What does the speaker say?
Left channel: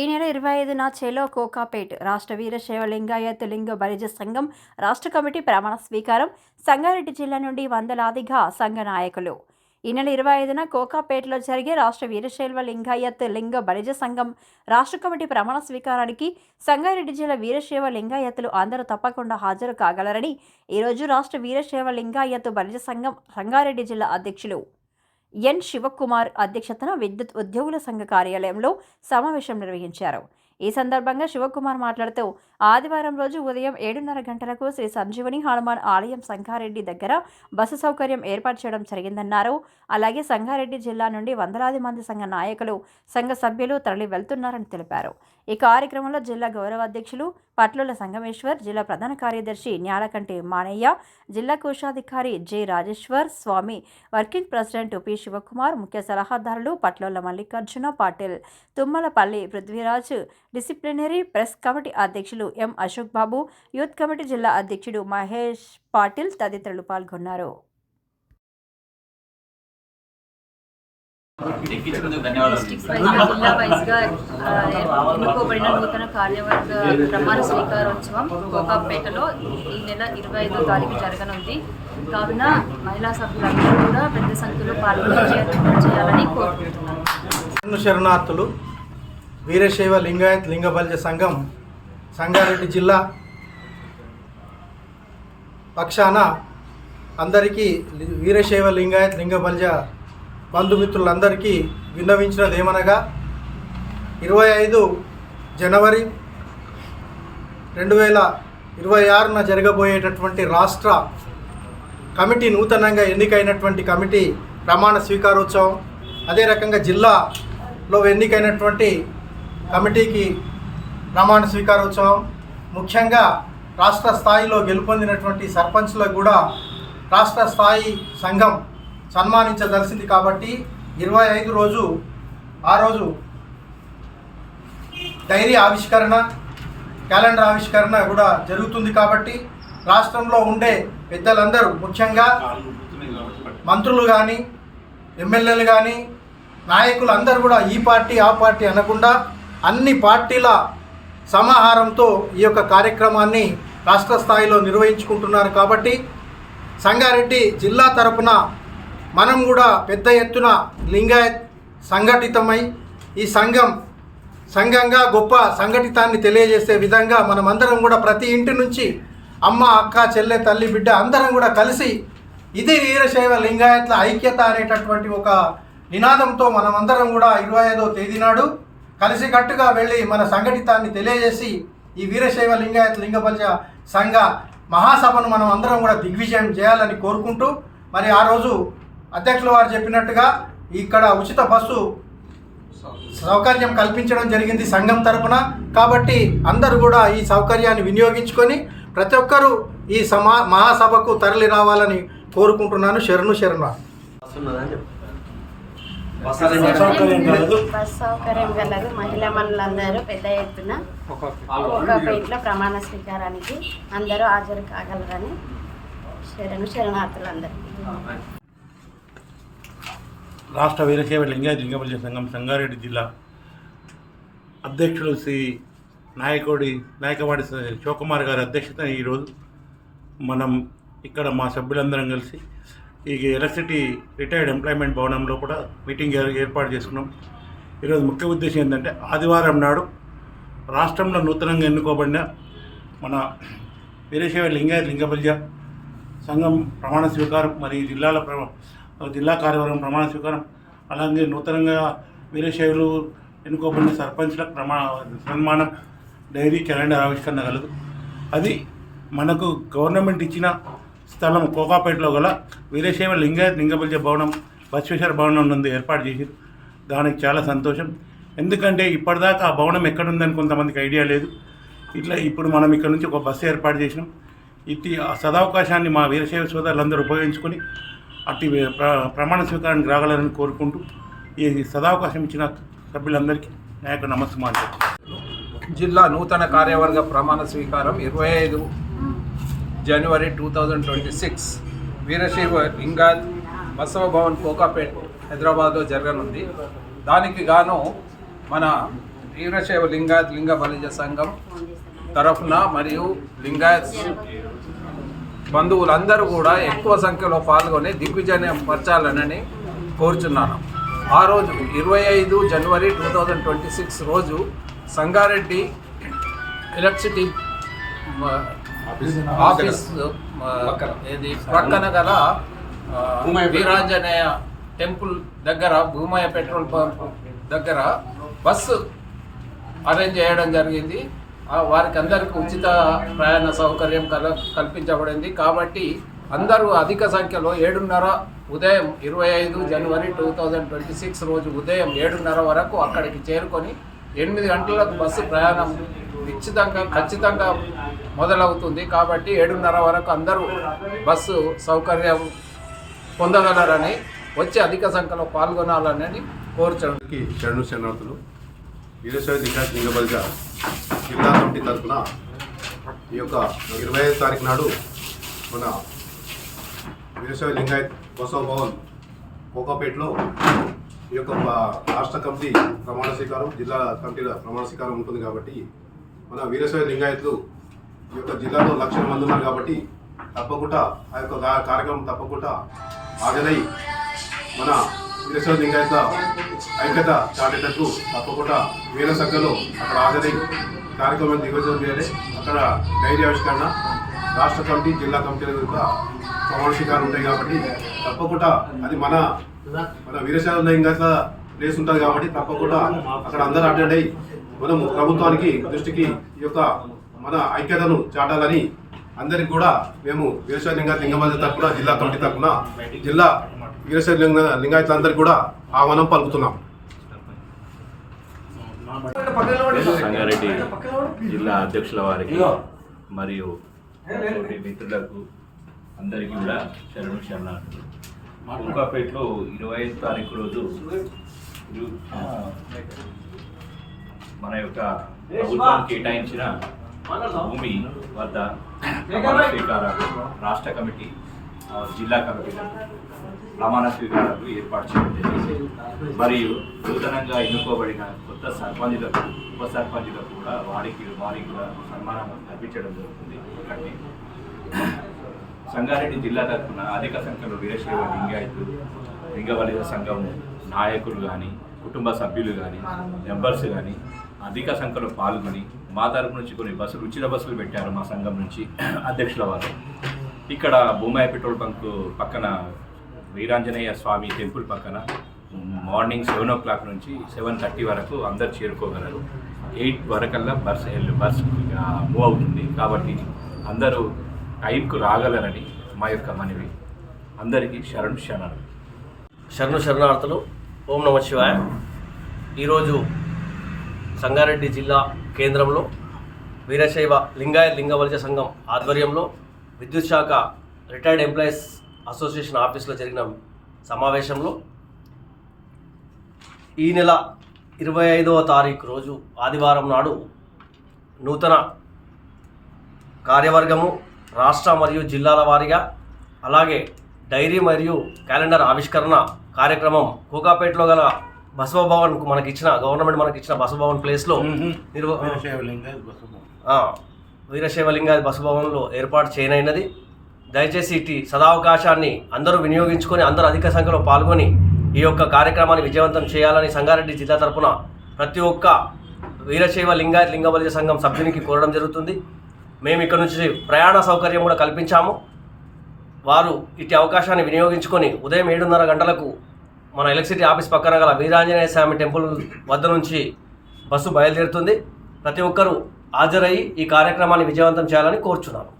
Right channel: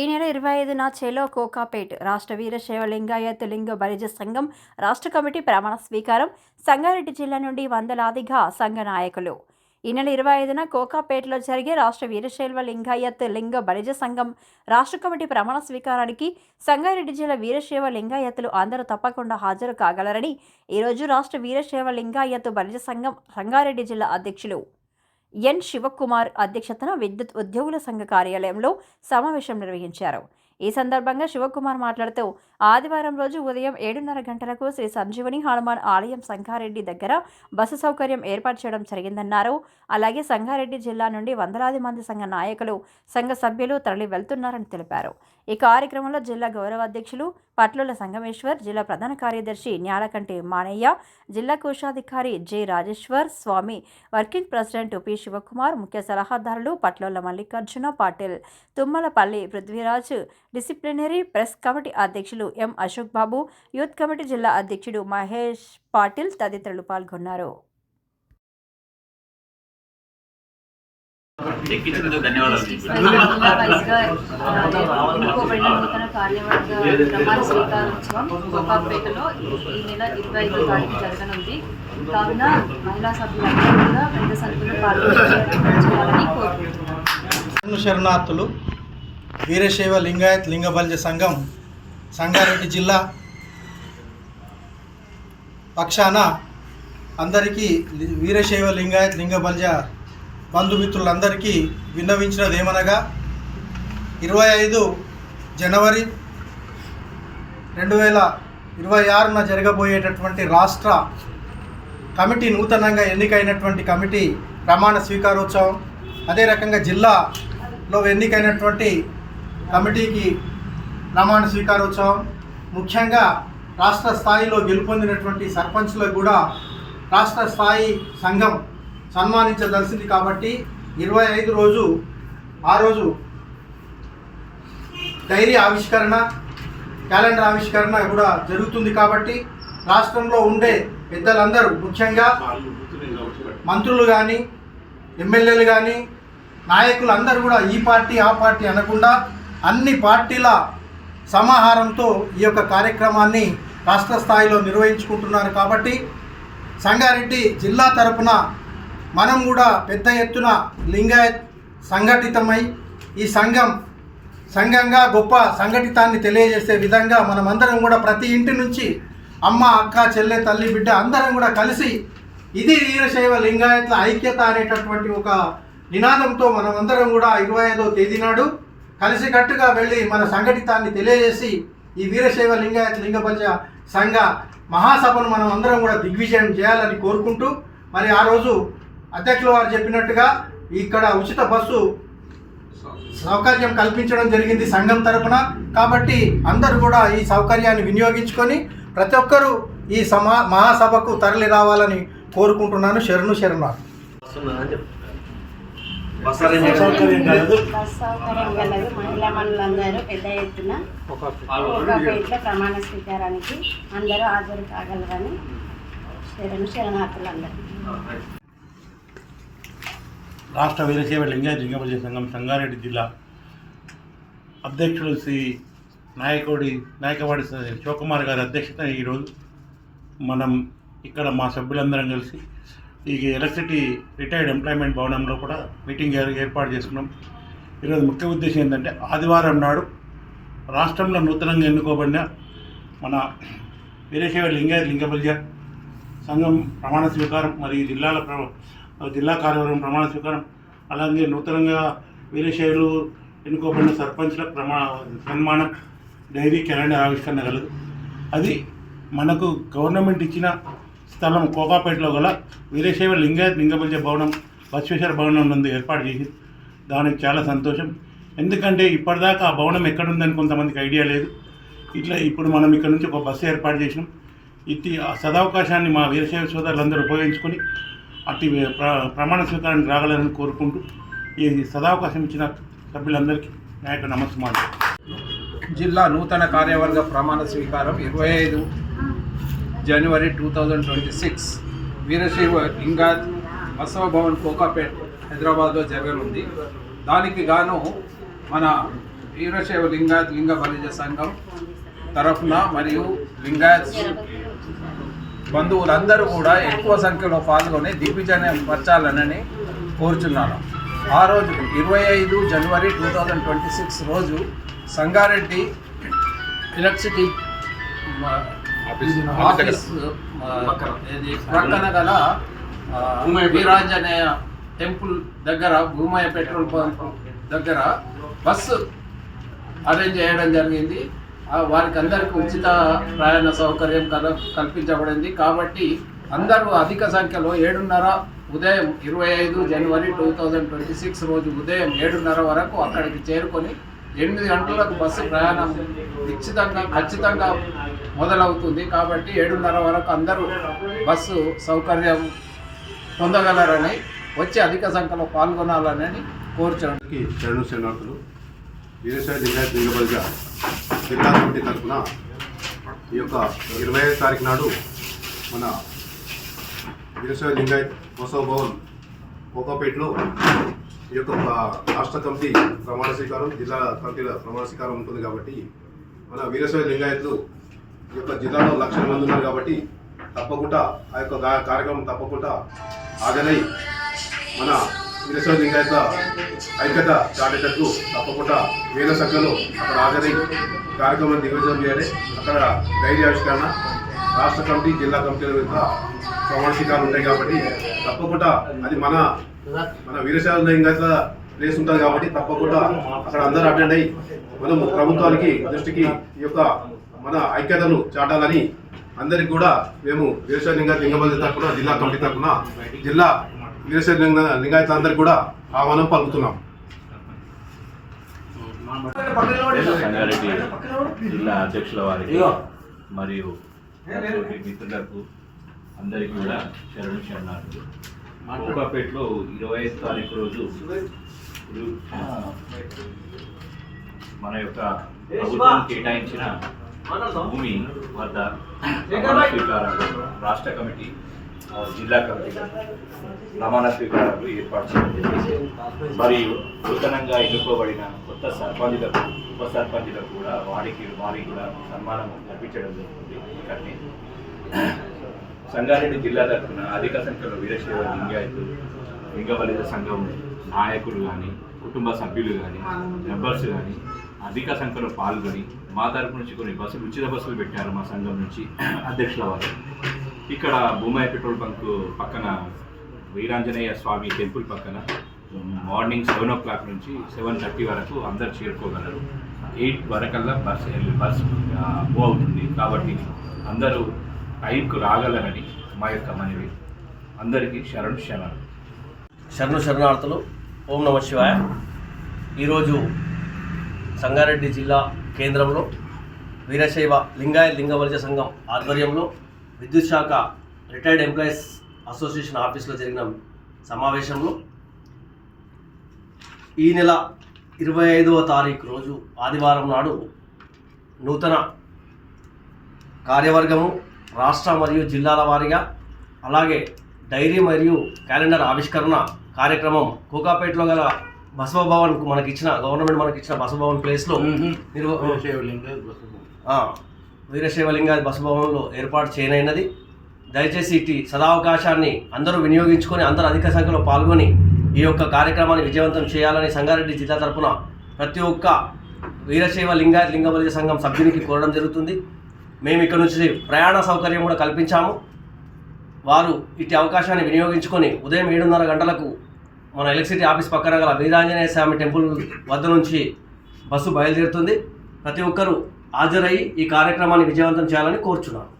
ఈ నెల 25న చెలో కోకాపేట్ రాష్ట్ర వీరశైవ లింగాయత్ లింగ బలిజ సంఘం రాష్ట్ర కమిటీ ప్రమాణ స్వీకారం. సంగారెడ్డి జిల్లా నుండి వందలాదిగా సంఘ నాయకులు. ఈ నెల 25న కోకాపేటలో జరిగే రాష్ట్ర వీరశైవ లింగాయత్ లింగ బలిజ సంఘం రాష్ట్ర కమిటీ ప్రమాణ స్వీకారానికి సంగారెడ్డి జిల్లా వీరశైవ లింగాయత్తులు అందరూ తప్పకుండా హాజరు కాగలరని ఈరోజు రాష్ట్ర వీరశైవ లింగాయత్ బలిజ సంఘం సంగారెడ్డి జిల్లా అధ్యక్షులు ఎన్ శివకుమార్ అధ్యక్షతన విద్యుత్ ఉద్యోగుల సంఘ కార్యాలయంలో సమావేశం నిర్వహించారు. ఈ సందర్భంగా శివకుమార్ మాట్లాడుతూ ఆదివారం రోజు ఉదయం 7:30 గంటలకు శ్రీ సంజీవని హనుమాన్ ఆలయం సంగారెడ్డి దగ్గర బస్సు సౌకర్యం ఏర్పాటు చేయడం జరిగిందన్నారు. అలాగే సంగారెడ్డి జిల్లా నుండి వందలాది మంది సంఘ నాయకులు, సంఘ సభ్యులు తరలి వెళ్తున్నారని తెలిపారు. ఈ కార్యక్రమంలో జిల్లా గౌరవ అధ్యక్షులు పట్లుల సంగమేశ్వర్, జిల్లా ప్రధాన కార్యదర్శి న్యాలకంటి మానయ్య, జిల్లా కోశాధికారి జె రాజేశ్వర్ స్వామి, వర్కింగ్ ప్రెసిడెంట్ పి శివకుమార్, ముఖ్య సలహాదారులు Patlola Mallikarjuna Patil, Tummalapalli Prithviraj, disciplinary press committee అధ్యక్షులు ఎం అశోక్ బాబు, యూత్ కమిటీ జిల్లా అధ్యక్షుడు మహేష్ పాటిల్ తదితరులు పాల్గొన్నారు. నూతన కార్యవర్గ ప్రమాణ స్వీకారోత్సవం కోకాపేటలో ఈ నెల 25వ తారీఖు జరగనుంది. కావున మహిళా సభ్యులందరూ కూడా పెద్ద సంఖ్యలో పాల్గొనాలని కోరుకుంటున్నారు. శరణార్థులు వీరశైవ లింగాయత్ లింగ బలిజ సంఘం సంగారెడ్డి జిల్లా పక్షాన అందరికీ వీరశైవ లింగాయత్ లింగ బలిజ బంధుమిత్రులందరికీ విన్నవించినది ఏమనగా 25 జనవరి 2026న జరగబోయేటటువంటి రాష్ట్ర కమిటీ నూతనంగా ఎన్నికైనటువంటి కమిటీ ప్రమాణ స్వీకారోత్సవం, అదే రకంగా జిల్లాలో ఎన్నికైనటువంటి కమిటీకి ప్రమాణ స్వీకారోత్సవం, ముఖ్యంగా రాష్ట్ర స్థాయిలో గెలుపొందినటువంటి సర్పంచ్లకు కూడా రాష్ట్ర స్థాయి సంఘం సన్మానించదలిసింది. కాబట్టి 25 రోజు ఆ రోజు డైరీ ఆవిష్కరణ, క్యాలెండర్ ఆవిష్కరణ కూడా జరుగుతుంది. కాబట్టి రాష్ట్రంలో ఉండే పెద్దలందరూ, ముఖ్యంగా మంత్రులు కానీ, ఎమ్మెల్యేలు కానీ, నాయకులు అందరూ కూడా ఈ పార్టీ ఆ పార్టీ అనకుండా అన్ని పార్టీల సమాహారంతో ఈ యొక్క కార్యక్రమాన్ని రాష్ట్ర స్థాయిలో నిర్వహించుకుంటున్నారు. కాబట్టి సంగారెడ్డి జిల్లా తరపున మనం కూడా పెద్ద ఎత్తున లింగాయత్ సంఘటితమై ఈ సంఘంగా గొప్ప సంఘటితాన్ని తెలియజేసే విధంగా మనమందరం కూడా ప్రతి ఇంటి నుంచి అమ్మ, అక్క, చెల్లె, తల్లి, బిడ్డ అందరం కూడా కలిసి ఇది వీరశైవ లింగాయత్ల ఐక్యత అనేటటువంటి ఒక నినాదంతో మనమందరం కూడా 25వ తేదీ నాడు కలిసికట్టుగా వెళ్ళి మన సంఘటితాన్ని తెలియజేసి ఈ వీరశైవ లింగాయత్ లింగ బలిజ సంఘ మహాసభను మనం అందరం కూడా దిగ్విజయం చేయాలని కోరుకుంటూ, మరి ఆ రోజు అధ్యక్షులు వారు చెప్పినట్టుగా ఇక్కడ ఉచిత బస్సు సౌకర్యం కల్పించడం జరిగింది సంఘం తరపున. కాబట్టి అందరూ కూడా ఈ సౌకర్యాన్ని వినియోగించుకొని ప్రతి ఒక్కరూ ఈ మహాసభకు తరలి రావాలని కోరుకుంటున్నాను. శరణు. బస్ సౌకర్యం కలదు. మహిళా మనులందరూ పెద్ద ఎత్తున కోకాపేటలో ప్రమాణ స్వీకారానికి అందరూ హాజరు కాగలరని శరణార్థులందరూ. రాష్ట్ర వీరశైవ లింగాయత్ లింగ బలిజ సంఘం సంగారెడ్డి జిల్లా అధ్యక్షులు శ్రీ నాయకవాడి శివకుమార్ గారి అధ్యక్షతన ఈరోజు మనం ఇక్కడ మా సభ్యులందరం కలిసి ఈ ఎలక్ట్రిసిటీ రిటైర్డ్ ఎంప్లాయ్మెంట్ భవనంలో కూడా మీటింగ్ ఏర్పాటు చేసుకున్నాం. ఈరోజు ముఖ్య ఉద్దేశం ఏంటంటే ఆదివారం నాడు రాష్ట్రంలో నూతనంగా ఎన్నుకోబడిన మన వీరశైవ లింగాయత్ లింగ బలిజ సంఘం ప్రమాణ స్వీకారం, మరియు జిల్లా కార్యవర్గం ప్రమాణ స్వీకారం, అలాగే నూతనంగా వీరశైవులు ఎన్నుకోబడిన సర్పంచ్లకు సన్మానం, డైరీ, క్యాలెండర్ ఆవిష్కరణ కలదు. అది మనకు గవర్నమెంట్ ఇచ్చిన స్థలం కోకాపేటలో గల వీరశైవ లింగాయత్ లింగ బలిజ భవనం బసవేశ్వర భవనం నందు ఏర్పాటు చేసి దానికి చాలా సంతోషం. ఎందుకంటే ఇప్పటిదాకా ఆ భవనం ఎక్కడుందని కొంతమందికి ఐడియా లేదు. ఇప్పుడు మనం ఇక్కడ నుంచి ఒక బస్సు ఏర్పాటు చేసినాం. ఇట్టి సదవకాశాన్ని మా వీరశైవ సోదరులందరూ ఉపయోగించుకొని అట్టి ప్రమాణ స్వీకారానికి రాగలరని కోరుకుంటూ ఈ సదావకాశం ఇచ్చిన సభ్యులందరికీ నా యొక్క నమస్కారం. జిల్లా నూతన కార్యవర్గ ప్రమాణ స్వీకారం 25 జనవరి 2026 వీరశైవ లింగాయత్ బసవ భవన్ కోకాపేట్ హైదరాబాద్లో జరగనుంది. దానికి గాను మన వీరశైవ లింగాయత్ లింగ బలిజ సంఘం తరఫున మరియు లింగాయత్ బంధువులందరూ కూడా ఎక్కువ సంఖ్యలో పాల్గొని దిగ్విజయం పరచాలనని కోరుచున్నాను. ఆ రోజు 25 జనవరి 2026 రోజు సంగారెడ్డి ఎలక్ట్రిసిటీ ఆఫీస్ ప్రక్కన గల వీరాంజనేయ టెంపుల్ దగ్గర భూమయ్య పెట్రోల్ పంప్ దగ్గర బస్సు అరేంజ్ చేయడం జరిగింది. వారికి అందరికీ ఉచిత ప్రయాణ సౌకర్యం కల్పించబడింది. కాబట్టి అందరూ అధిక సంఖ్యలో 7:30 ఉదయం 25 జనవరి 2026 రోజు ఉదయం 7:30 వరకు అక్కడికి చేరుకొని 8 గంటలకు బస్సు ప్రయాణం ఖచ్చితంగా మొదలవుతుంది. కాబట్టి 7:30 వరకు అందరూ బస్సు సౌకర్యం పొందగలరని వచ్చి అధిక సంఖ్యలో పాల్గొనాలని కోరుచున్నాను. శరణార్థులు వీరశైవ లింగాయత్ లింగ బలిజ జిల్లా కమిటీ తరఫున ఈ యొక్క 25వ తారీఖు నాడు మన వీరశైవ లింగాయత్ బసవ భవన్ కోకాపేటలో ఈ యొక్క రాష్ట్ర కమిటీ ప్రమాణ స్వీకారం, జిల్లా కమిటీల ప్రమాణ స్వీకారం ఉంటుంది. కాబట్టి మన వీరశైవ లింగాయత్లు ఈ యొక్క జిల్లాలో లక్షల మంది ఉన్నారు. కాబట్టి తప్పకుండా ఆ యొక్క కార్యక్రమం తప్పకుండా హాజరై మన వీరశైవ లింగాయత్ల ఐక్యత చాటేటట్టు తప్పకుండా వేల సంఖ్యలో అక్కడ హాజరై కార్యక్రమాన్ని దిగ్విజయం చేయాలి. అక్కడ డైరీ ఆవిష్కరణ, రాష్ట్ర కమిటీ, జిల్లా కమిటీల యొక్క ప్రమాణ స్వీకారం ఉంటాయి. కాబట్టి తప్పకుండా అది మన వీరశైవ లింగాయత్ల ప్లేస్ ఉంటుంది. కాబట్టి తప్పకుండా అక్కడ అందరూ అటెండ్ అయ్యి మనం ప్రభుత్వానికి దృష్టికి ఈ యొక్క మన ఐక్యతను చాటాలని అందరికి కూడా మేము వీరశైవ లింగ బలిజ తరఫున, జిల్లా కమిటీ తరఫున జిల్లా వీరశైవ లింగాయత్లందరికీ కూడా ఆహ్వానం పలుకుతున్నాం. సంగారెడ్డి జిల్లా అధ్యక్షుల వారికి మరియు మిత్రులకు అందరికీ కూడా శరణార్థులు. కోకాపేటలో 25వ తారీఖు రోజు మన యొక్క ప్రభుత్వం కేటాయించిన భూమి వద్ద ప్రమాణ స్వీకారాలు రాష్ట్ర కమిటీ, జిల్లా కమిటీ ప్రమాణ స్వీకారాలు ఏర్పాటు చేయడం జరిగింది. మరియు నూతనంగా ఎన్నుకోబడిన కొత్త సర్పంచులకు, ఉప సర్పంచులకు కూడా వారికి కూడా సన్మానం అర్పించడం జరుగుతుంది. ఇక్కడనే సంగారెడ్డి జిల్లా తరఫున అధిక సంఖ్యలో వీరశైవ లింగ బలిజ సంఘం నాయకులు కానీ, కుటుంబ సభ్యులు కానీ, మెంబర్స్ కానీ అధిక సంఖ్యలో పాల్గొని మా తరపు నుంచి కొన్ని బస్సులు, ఉచిత బస్సులు పెట్టారు మా సంఘం నుంచి అధ్యక్షుల వారు. ఇక్కడ భూమయ్య పెట్రోల్ బంక్ పక్కన వీరాంజనేయ స్వామి టెంపుల్ పక్కన మార్నింగ్ 7 o'clock నుంచి 7:30 వరకు అందరు చేరుకోగలరు. 8 వరకల్లా బస్ మూవ్ అవుతుంది. కాబట్టి అందరూ టైంకు రాగలరని మా యొక్క మనవి. అందరికీ శరణార్థులు. ఓం నమ శివాయ. ఈరోజు సంగారెడ్డి జిల్లా కేంద్రంలో వీరశైవ లింగ బలిజ సంఘం ఆధ్వర్యంలో విద్యుత్ శాఖ రిటైర్డ్ ఎంప్లాయీస్ అసోసియేషన్ ఆఫీస్లో జరిగిన సమావేశంలో ఈ నెల 25వ తారీఖు రోజు ఆదివారం నాడు నూతన కార్యవర్గము రాష్ట్ర మరియు జిల్లాల వారీగా, అలాగే డైరీ మరియు క్యాలెండర్ ఆవిష్కరణ కార్యక్రమం కోకాపేటలో గల బసవ భవన్కు గవర్నమెంట్ మనకిచ్చిన బసవ భవన్ ప్లేస్లో వీరశైవ లింగాయత్ బసవ భవన్లో ఏర్పాటు చేయనైనది. దయచేసి ఇటు సదావకాశాన్ని అందరూ వినియోగించుకొని అందరూ అధిక సంఖ్యలో పాల్గొని ఈ యొక్క కార్యక్రమాన్ని విజయవంతం చేయాలని సంగారెడ్డి జిల్లా తరఫున ప్రతి ఒక్క వీరశైవ లింగ బలిజ సంఘం సభ్యునికి కోరడం జరుగుతుంది. మేము ఇక్కడ నుంచి ప్రయాణ సౌకర్యం కూడా కల్పించాము. వారు ఇటు అవకాశాన్ని వినియోగించుకొని ఉదయం 7:30 గంటలకు మన ఎలక్ట్రిసిటీ ఆఫీస్ పక్కన గల వీరాంజనేయ స్వామి టెంపుల్ వద్ద నుంచి బస్సు బయలుదేరుతుంది. ప్రతి ఒక్కరూ హాజరయ్యి ఈ కార్యక్రమాన్ని విజయవంతం చేయాలని కోరుచున్నాను.